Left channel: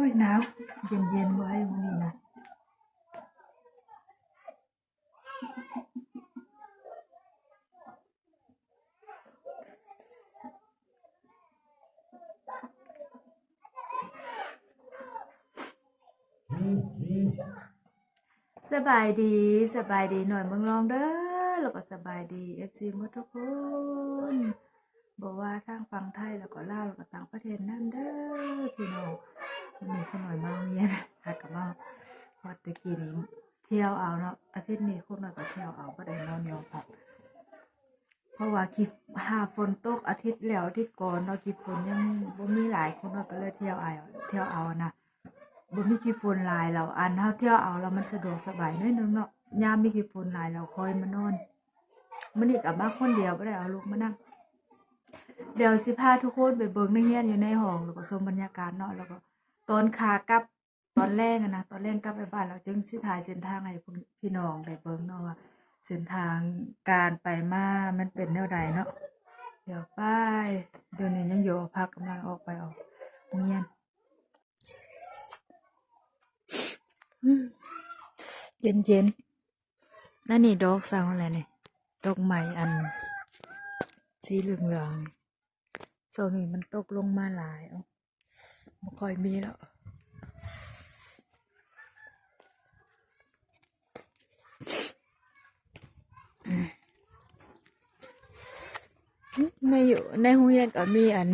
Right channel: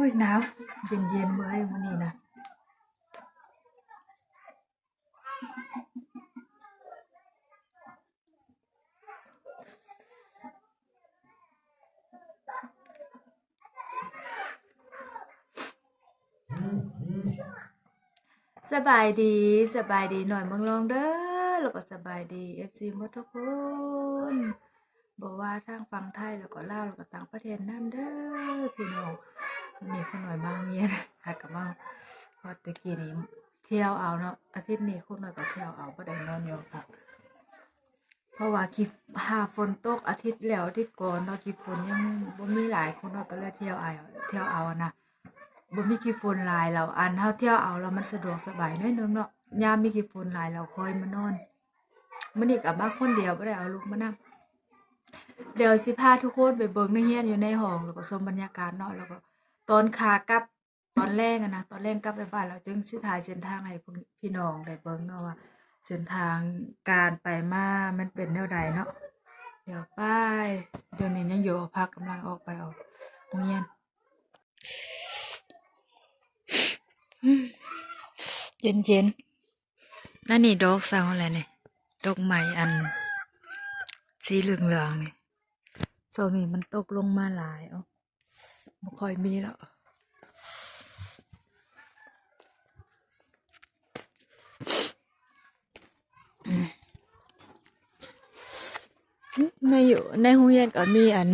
อ้ยหนาวเย็นเย็นเมื่อยวันนี้นะสบายดีสบายดีหน่อยเมืองลองเด้อแล้วก็สบายดีเอฟซีมดทุกคนบอกว่าทางฝั่งไทยแล้วก็ลาวแล้วก็ต่างประเทศนั่นเด้อพี่น้อง นนี้คุณหน่อยมาโรงเรียนหากับมาพอตะกี้นี้เที่ยวเอาเนาะอาทิตย์นี้คุณหน่อยก็เที่ยวเอาก็ได้นอนยอพักเพราะว่าคิดหาฝนตกอาทิตย์แล้วอาที่ก่อนเนาะคิดฝนยังบ่มีหลายคนเนาะก็เลยเที่ยวเอาเที่ยวเอานะบ่มีกี่ฝนหลายแล้วอันเฮาเที่ยวเอาแล้วมันสะดวกสบายน้อยนึงเนาะยามมีกี่ฝนหลายแล้วคอยมานอนมื้อนี้ก็มาคนเดียวบ่ได้เอาลูกมานํเดี๋ยวสิพาทุกคนไปเบิ่งในเฮียนอยู่ในห้องแล้วก็ชมบรรยากาศเนาะแล้วก็ ตอนขากลับตอนแรกอะนะตอนแรกกลับไปบ้านเราจึงสิถ่ายเส้นทางให้พี่น้องได้เบิ่งเนาะว่าเส้นทางการไปมามันเป็นแนวใดเนาะเดี๋ยวไปเดี๋ยวนี้ยังอยู่พักกำลังออกไปออกโรงเรียนเย็นเย็นๆนั่นนี่ดอกสาวอะไรเนี่ยดอกไม้อันสีเหลืองเหลืองๆนี่โซนี้มันตกลงมาหลายอะ ไม่ค่อยมีแล้วในอยู่ในโรงเรียนก็มีอัน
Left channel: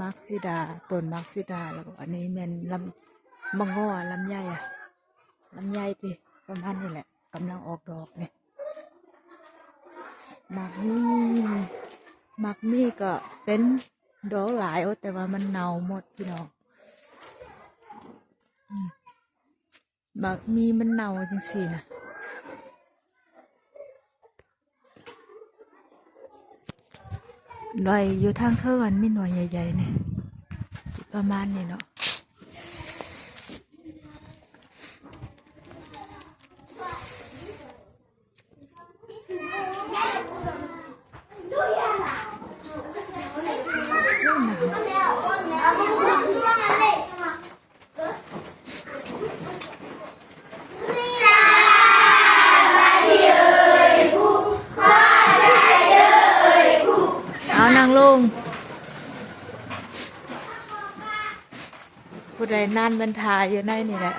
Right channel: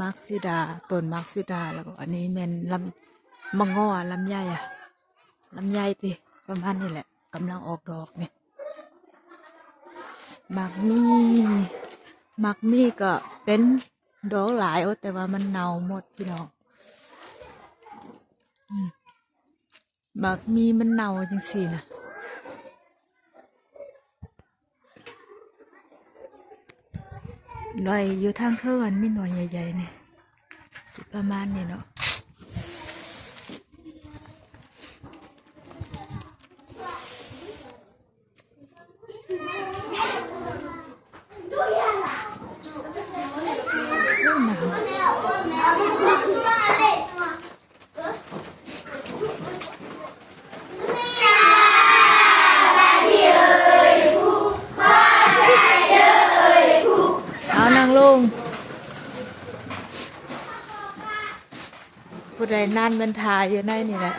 มักซิดาต้นมักซิดาแล้วก็อันนี้แม่นลำมังงอลำไยอะลำไยติประมาณนี้แหละกำลังออกดอกเนี่ยมักมีมักมีก็เป็น ดอกหลายโอ้แต่ว่ามันเน่าหมดพี่น้องบักมีมันเน่าจังสี่นะหน่อยอยู่ทางเท่ากันนี่หน่อยใหญ่ๆนี่ประมาณนี้เนาะเล่นหนาวเอานางลง ผู้ใดนั่นบรรทาอยู่ในนี่แหละ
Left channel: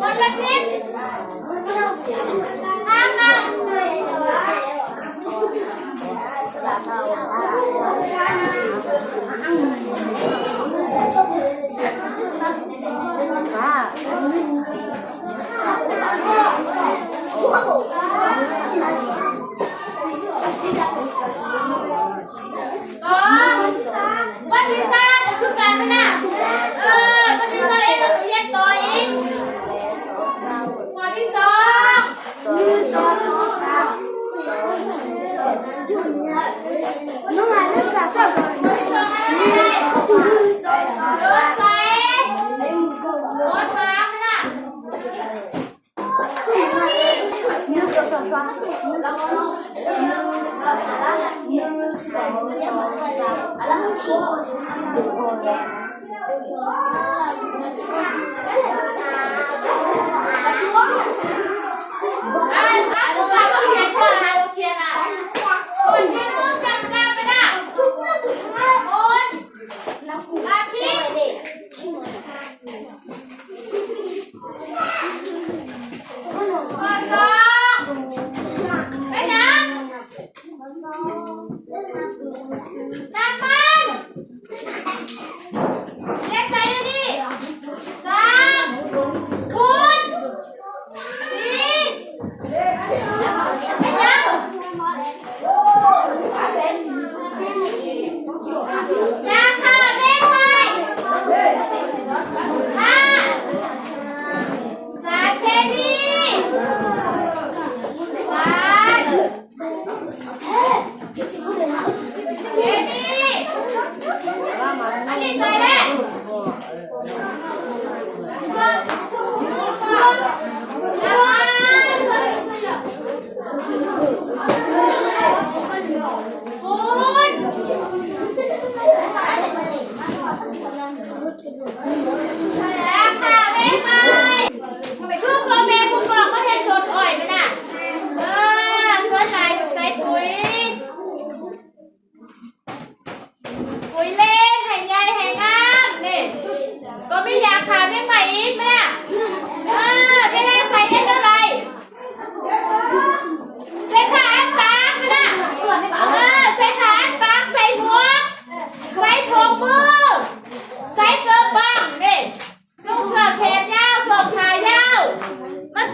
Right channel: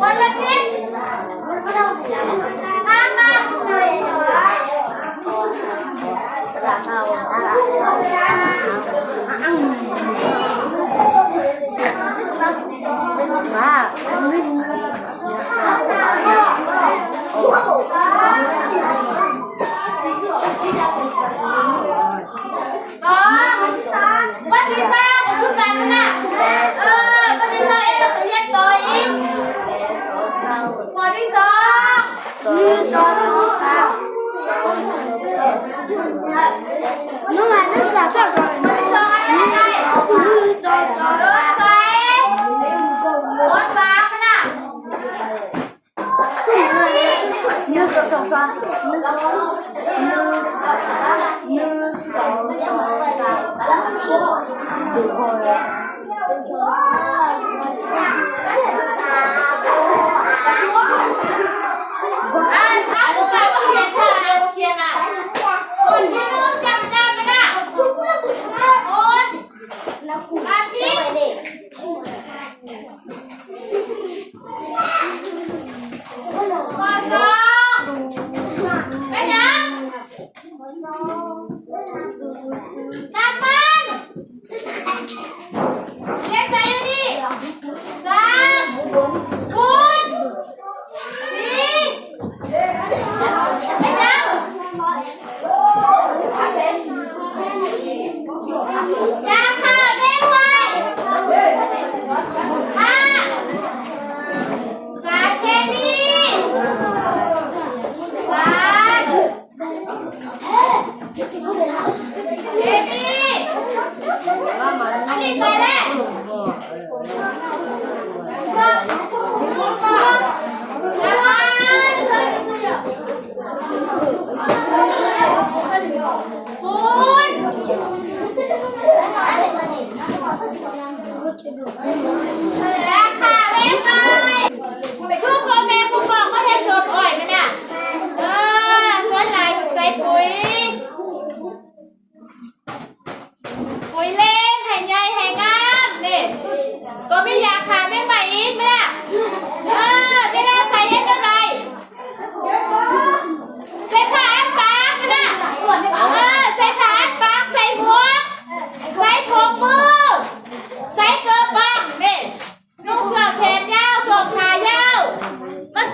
วั 妈妈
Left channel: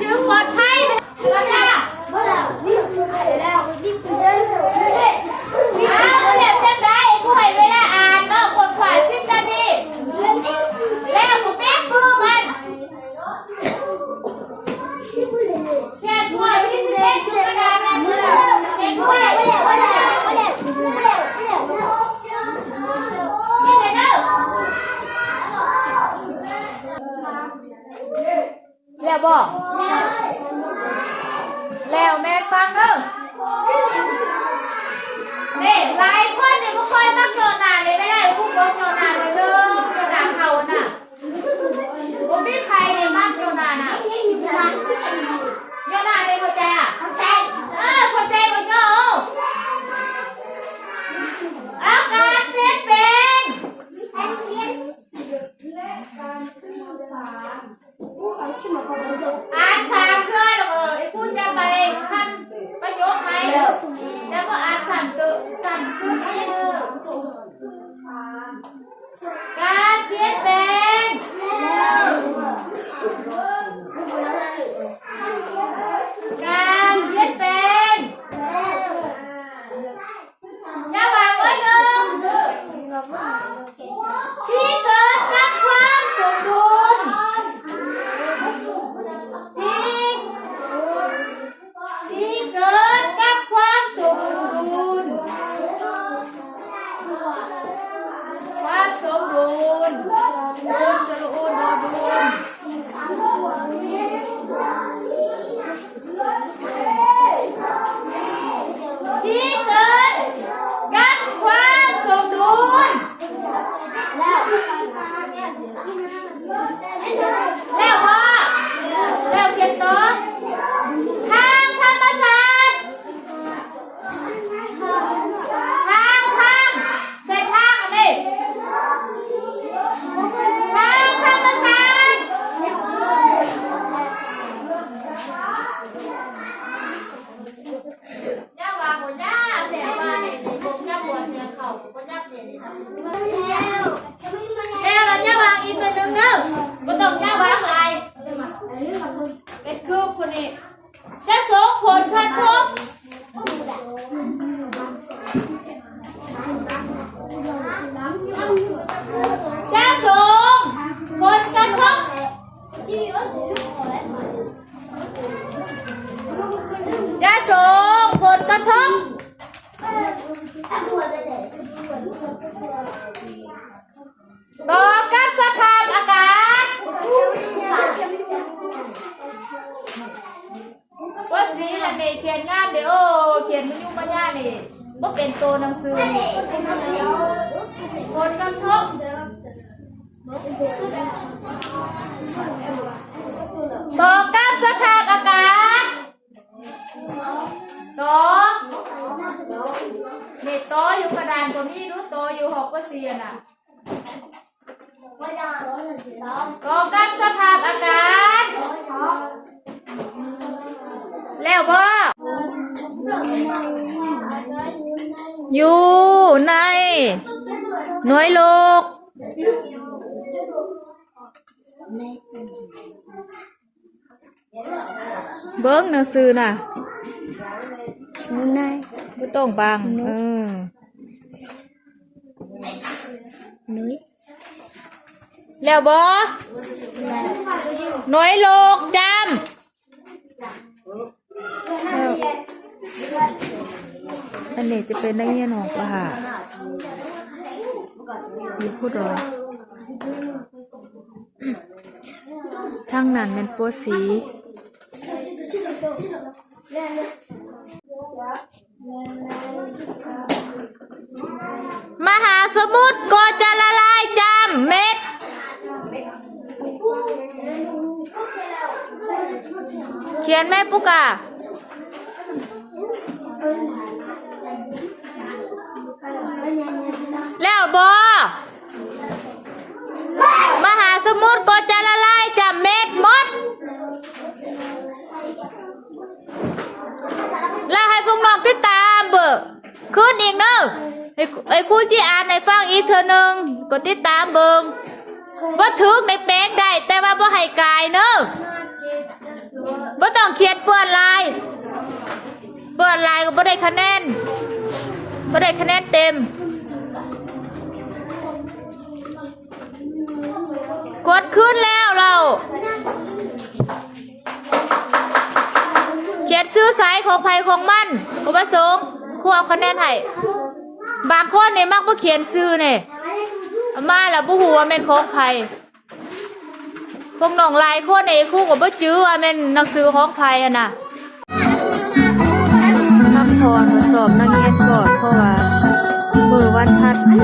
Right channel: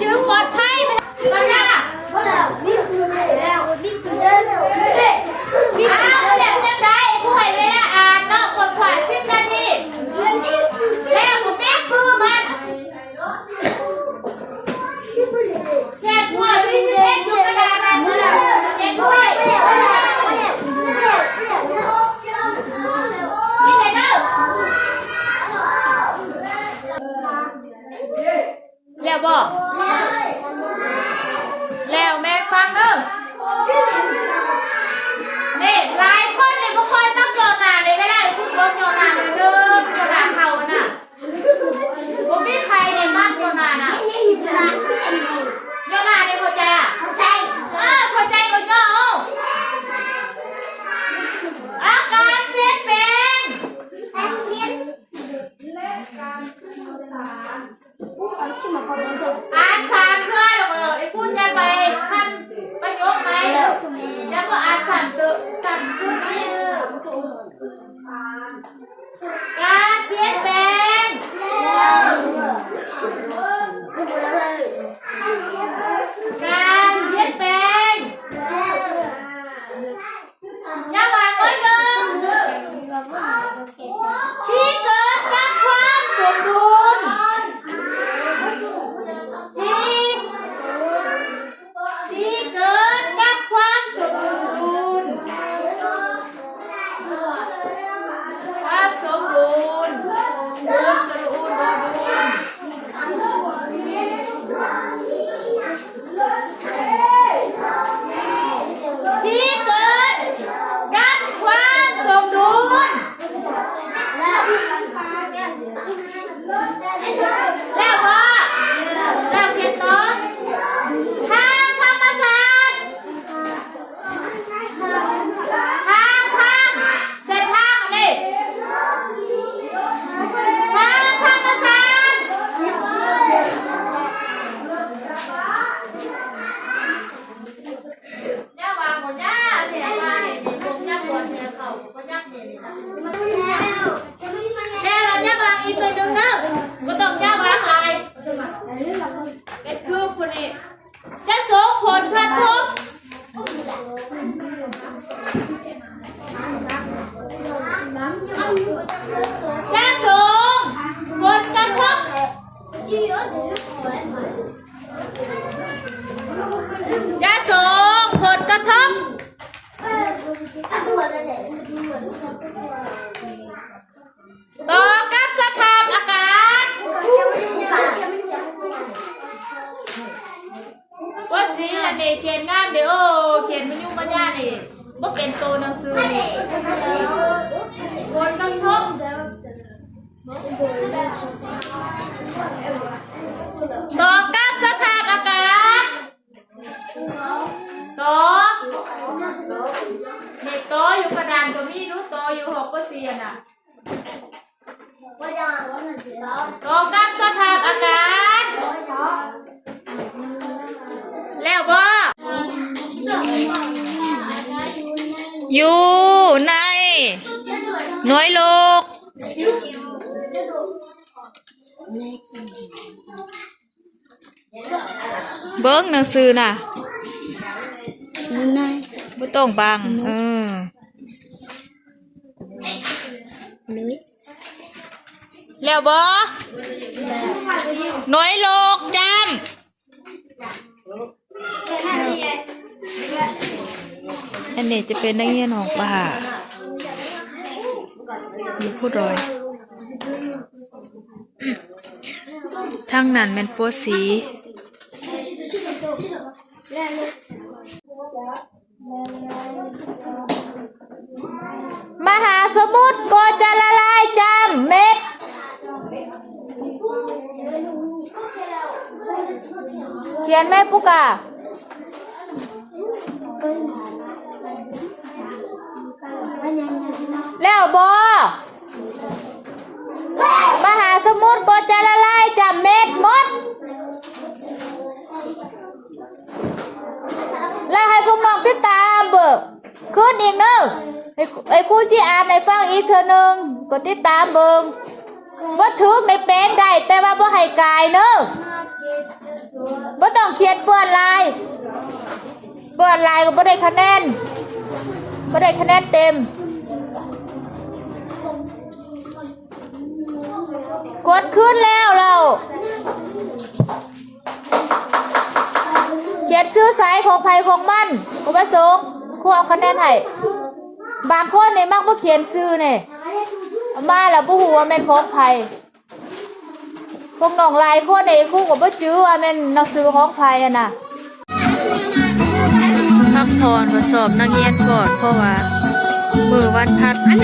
ยืมปลอดภัยมันะ Giovanna. Giovanna, cos'è? ตัวหนังสือนี่ผลกระทบตอกับสภาพอากาศตอนี่ตออยู่กระดานก็มีรู้ตออยู่หกเปอร์เซ็นต์อะ อยู่ใน หน่วยโลก เบิ้งหนังสือน่ะไม่ต้องบังเออแล้วบ่หน่วยโลกจำ อันนี้จะเป็นนักเรียนของป่าอยู่ผู้ดอยทางนั้นเป็นปัวสี มหาสมุทรก็จะละลายจำเม็ดเขียนไหมปุกอะ ก็จะละลายจากเม็ดมด แล้วให้พวกน้องติดตามเบอร์ขึ้นอีกเนอะให้ไอ้ครูที่อ่านในฟังอีกเธอหนึ่งก็ติดตามเบิงว่าถึกในแปลงได้แต่ว่าบ่ให้กายเนอะบ่ต้องเขียนเปื้อนลายเปื้อนลายก็บ่ได้คะแนนบ่ได้คะแนนเต็ม กดขึ้นแล้วเราเขียนซื้อสายของภัยของมันก็ประสงค์ครูเอาคะแนนให้บางคนเนี่ยมักบ่เขียนซื้อเนี่ยมาแล้วบ่ฮู้ว่าแม่นของภัยพวกน้องลายคนเนี่ยครูก็บ่จื้อว่าแม่นหนังสือของภัยอะนะพักผ่อนทดสอบนักเรียนก่อนเพราะว่ามือวันพัดนี่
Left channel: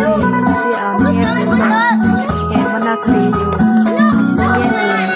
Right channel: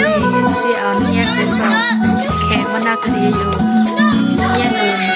สิเอานักเรียนไปสอบ แข่งวรรณคดีอยู่เรียนอื่น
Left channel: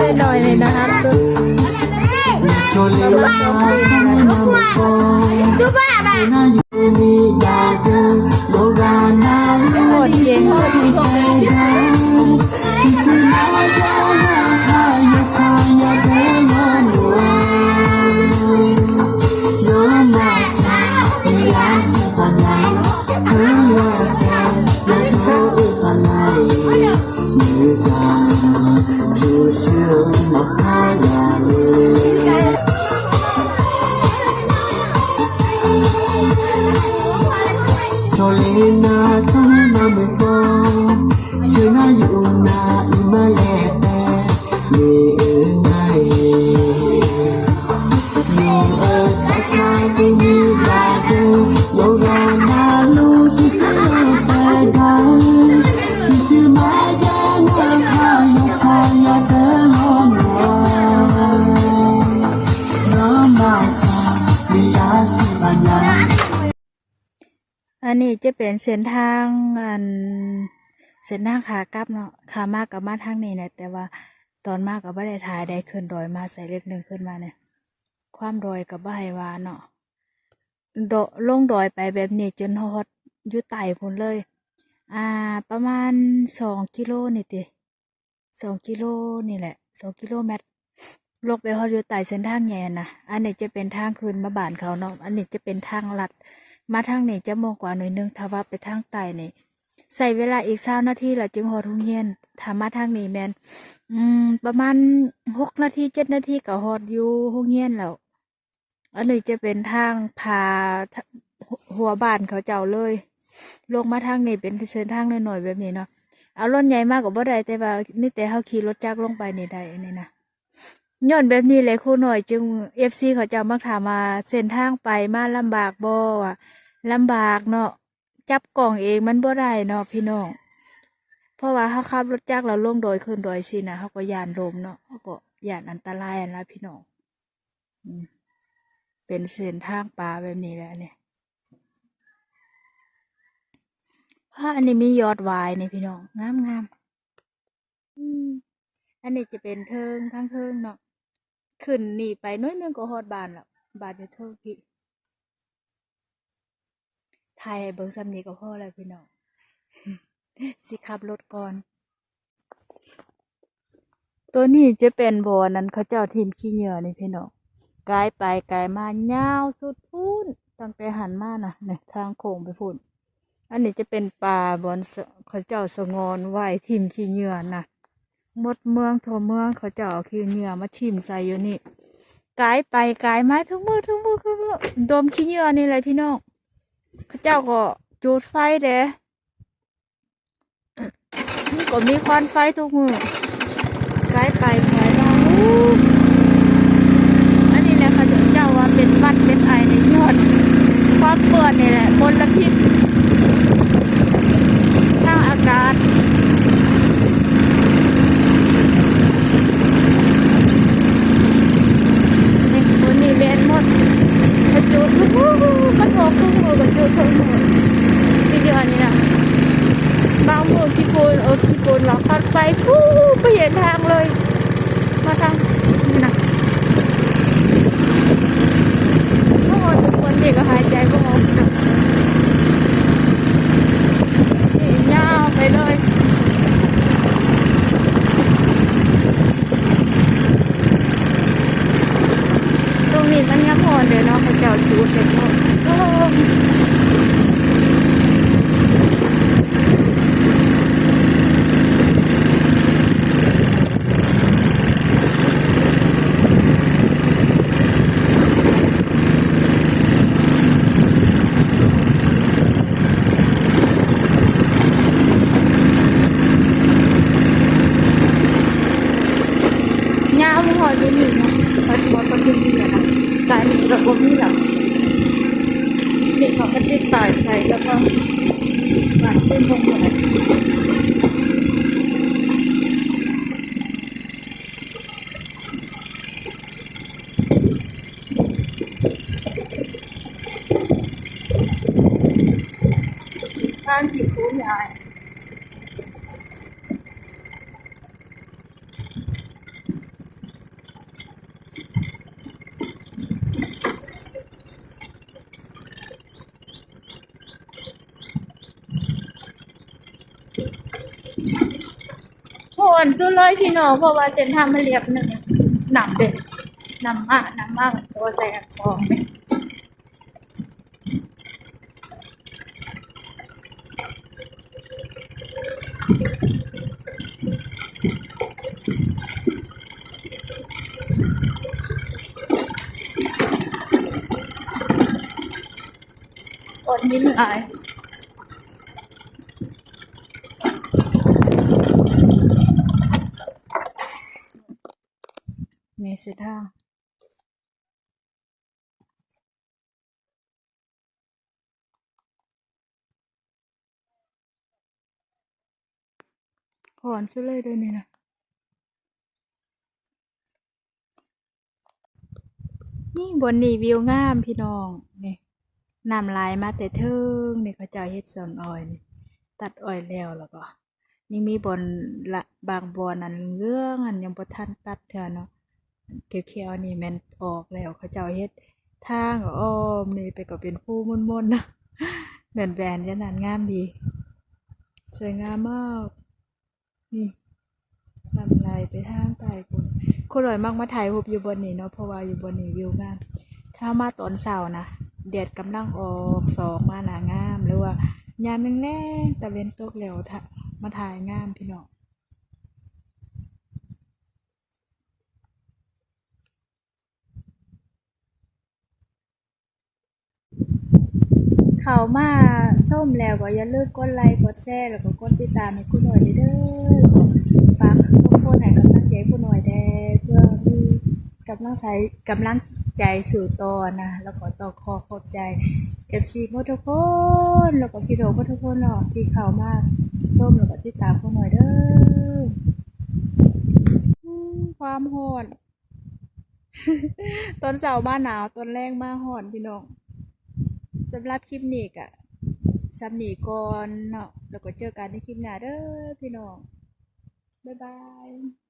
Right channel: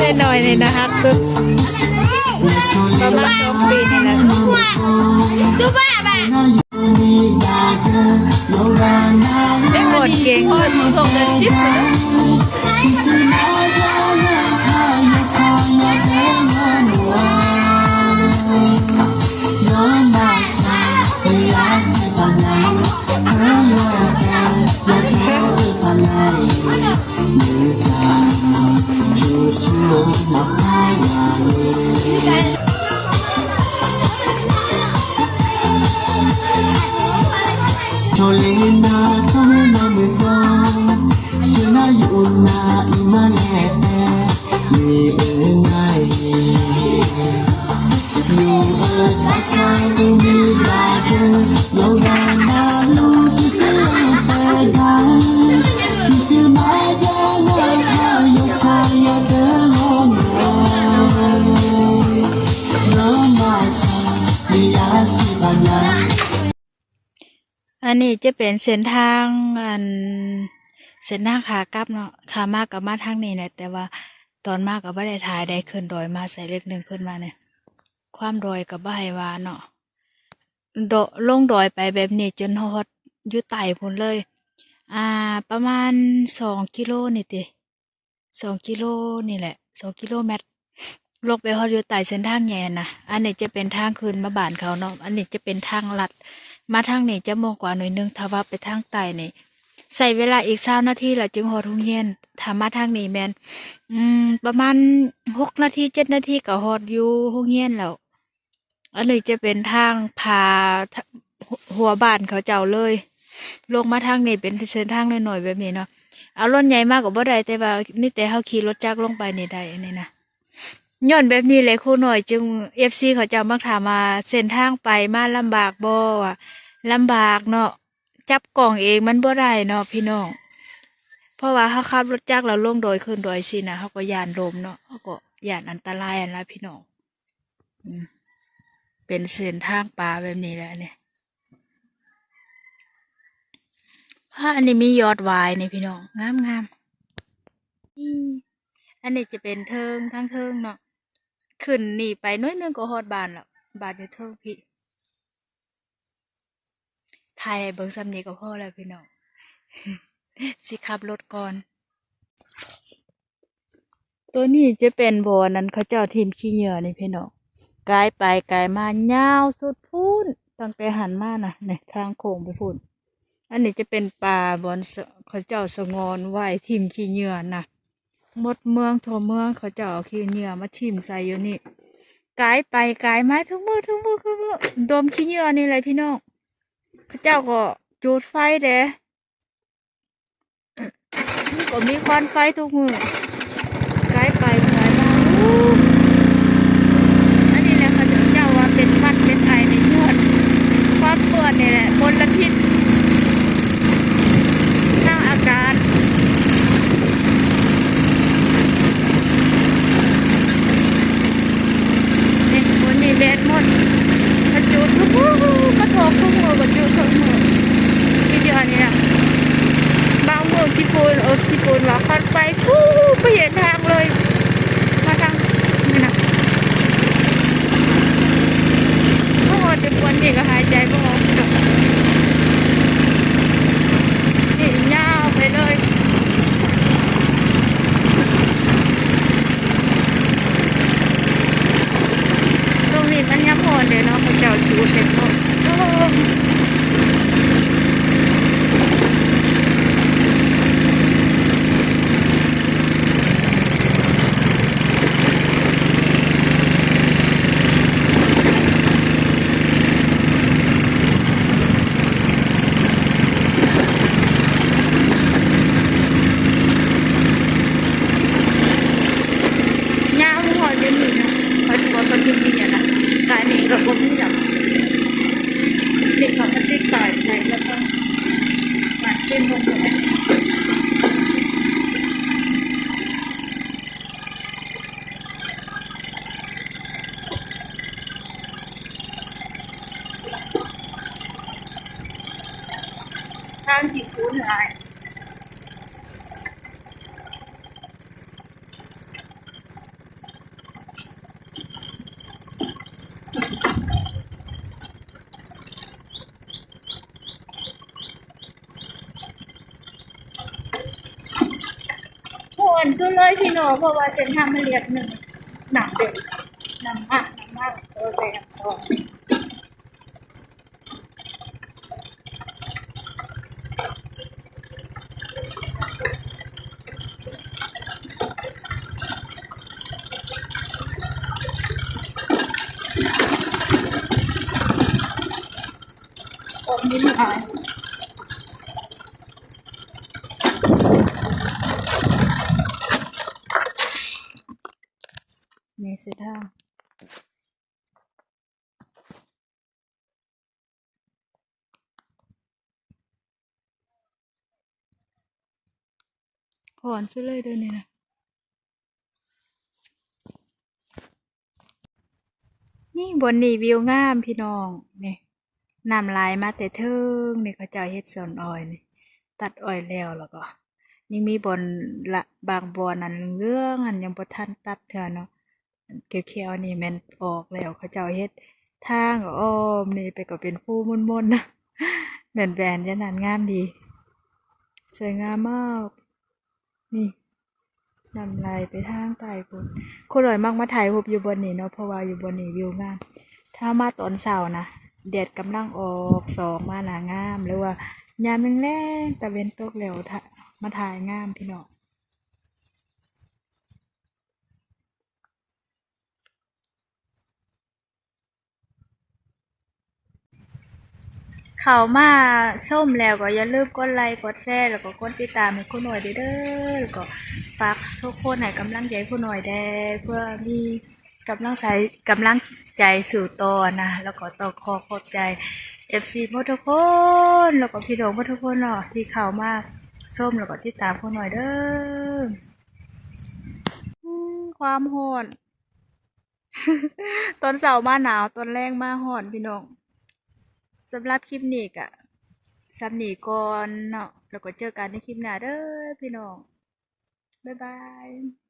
ได้หน่อยเลยนะคะสุด ประมาณสองปีนี่แหละ ดูบ้าบ้า Solena Tana Mepa Sena Yuna Imalete Me Elena อันนี้จะเป็นเส้นทางอันเส้นทางขากลับเนาะขามากกับมาทางนี้เนี่ยแต่ว่าตอนมากกับบ่ได้ถ่ายได้ขึ้นดอยมาใส่เล็กหนึ่งขึ้นมาเนี่ยความดอยกับบ่ให้ว่าเนาะโดลงดอยไปแบบนี้จนฮอดอยู่ไต่พุ่นเลย อ่า ประมาณสองกิโลนี่ติสองกิโลนี่แหละสองกิโลเมตรลงไปฮอดอยู่ใต้เส้นทางใหญ่นะอันนี้จะเป็นทางคืนมาบ้านเขาเนาะอันนี้จะเป็นทางลัด มาทางนี้จะมองกว่าหน่อยนึงถ้าว่าไปทางใต้นี่ใส่เวลาอีกสานาทีและจึงฮอดทุ่งเฮียนถ้ามาทางนี้แมนอืม ประมาณหกนาทีเจ็ดนาทีก็ฮอดอยู่ทุ่งเฮียนแล้วอันนี้จะเป็นทางพาหัวบ้านเขาเจ้าเลย ลงมาทางนี้เป็นเส้นทางหน่อยๆแบบนี้เนาะเอารถใหญ่มากกว่าบ่ได้แต่ว่านี่แต่เขาขี่รถจักรลงไปนี่ได้นนี้นะ ย้อนแบบนี้เลยครูหน่อยจึงเอฟซีเขาจะมักถามมาเส้นทางไปมาลำบากบ่อะลำบากเนาะจับกล่องเองมันบ่ได้เนาะพี่น้องเพราะว่าเขาขับรถจักรเราลงโดยขึ้นโดยสินะเขาก็ยานลมเนาะเขาก็ยานอันตรายอันละพี่น้องเป็นเส้นทางป่าแบบนี้แหละเนี่ยผ้าอันนี้มียอดวายในพี่น้องงามงามอันนี้จะเป็นเทิงทั้งเทิงเนาะ ขึ้นหนีไปน้อยนึงก็ฮอดบานแล้วบานอยู่เทิงพี่ถ่ายเบิ่งซ้ำนี้ก็พอแล้วพี่น้องสิขับรถก่อน ตัวนี้จะเป็นบ่อนั้นเขาเจ้าทีมขี้เหยื่อนี่พี่น้องกายไปกายมายาวสุดพูนตั้งแต่หันมานะเนี่ยทางโค้งไปพูนอันนี้จะเป็นป่าบอนเขาเจ้าสงอนไหวทิมขี้เหงื่อนะ มดเมืองทั่วเมืองเขาเจาเอาขี้เหยื่อมาทิมใส่อยู่นี่กายไปกายมาทุกมือทุกมือทุกมือดมขี้เหยื่อนี่เลยพี่น้องเขาเจ้าก็จุดไฟเด้ก็มีควันไฟทุกมือกายไปกายมาอู้อันนี้แหละเขาเจ้าว่าเป็นหวัดเป็นไอในยอดความเปื่อนนี่แหละมลพิษ ทางอากาศเนี่ยวันนี้แบนหมดกระจุดทุกมือกระทบทุกมือกระจุดทุกมือที่เดียวนี่นะบางมือที่ปูนเออที่ปูนว่าคัดไฟฟู้ไปเห็นทางเลย มาทางนี่นะโอ้โหจะควรเด็กก็หายใจก็ออกเนอะ นี่ยาวไปเลย ตรงนี้มันยังพอนเดี๋ยวเนาะเขา เจ้าจูดเด็กหมดโอ้ยาวพอจะมีเนาะปัจจุบันปัจจุบันเนี่ยนะกายนี่เราก็มีแล้วนี่เขาก็ติดต่ายใส่แล้วก็หวานเส้นพวกนี้ทางที่คุ้นหลาย โหนสู้ เลยพี่น้อเพราะว่าเส้นทางมันเรียบหนึ่งหนักเด็กนำมากหนำมากตัวแสบทองคนนี้หลายนี่เส้นทาง หอนซะเลยเด้วยวนี่นะนี่บนนี่วิวงามพี่น้องนี่นำลายมาแต่เทิงนี่เขาเจ้าเฮ็ดสวนอ้อยนี่ตัดอ้อยแล้วแล้วก็ยังมีบอนละบางบอนอันเรื่องอันยังบ่ทันตัดเทื่อเนาะอันเขียวๆนี่แม่นออกแล้วเขาเจ้าเฮ็ดทางอ้อมนี่ไปก็เป็นภูม่นๆนะแบนๆจังนั้นงามดีสวยงามมาก นี่นำลายไปทางใต้พุ่นคนรวยมากมาถ่ายรูปอยู่บนนี้เนาะเพราะว่าอยู่บนนี้วิวงามถ้ามาตอนเสาร์นะแดดกำลังออกสองมาหนางามหรือว่ายามแรงๆตะเวนตกแล้วมาถ่ายงามพี่น้อง เขามาส้มแล้วก็อย่าลืมกดไลค์กดแชร์แล้วก็กดติดตามให้คุณหน่อยเด้อแล้วก็ฝากทุกคนให้กำลังใจคุณหน่อยแด้เพื่อมีกำลังใจกำลังใจสู่ต่อนะ แล้วก็ต่อขอขอบใจ FC หมดทุกคนแล้วก็พี่น้องหมทุกคนเนาะที่เข้ามาส้มแล้วก็ติดตามคุณหน่อยเด้อความโหดตอนเสาร์มาหนาวตอนแรงมาหอนพี่น้อง สำหรับคลิปนี้ก็สำนีก่อนเนาะแล้วก็เจอกันในคลิปหน้าเด้อพี่น้อง บ๊ายบาย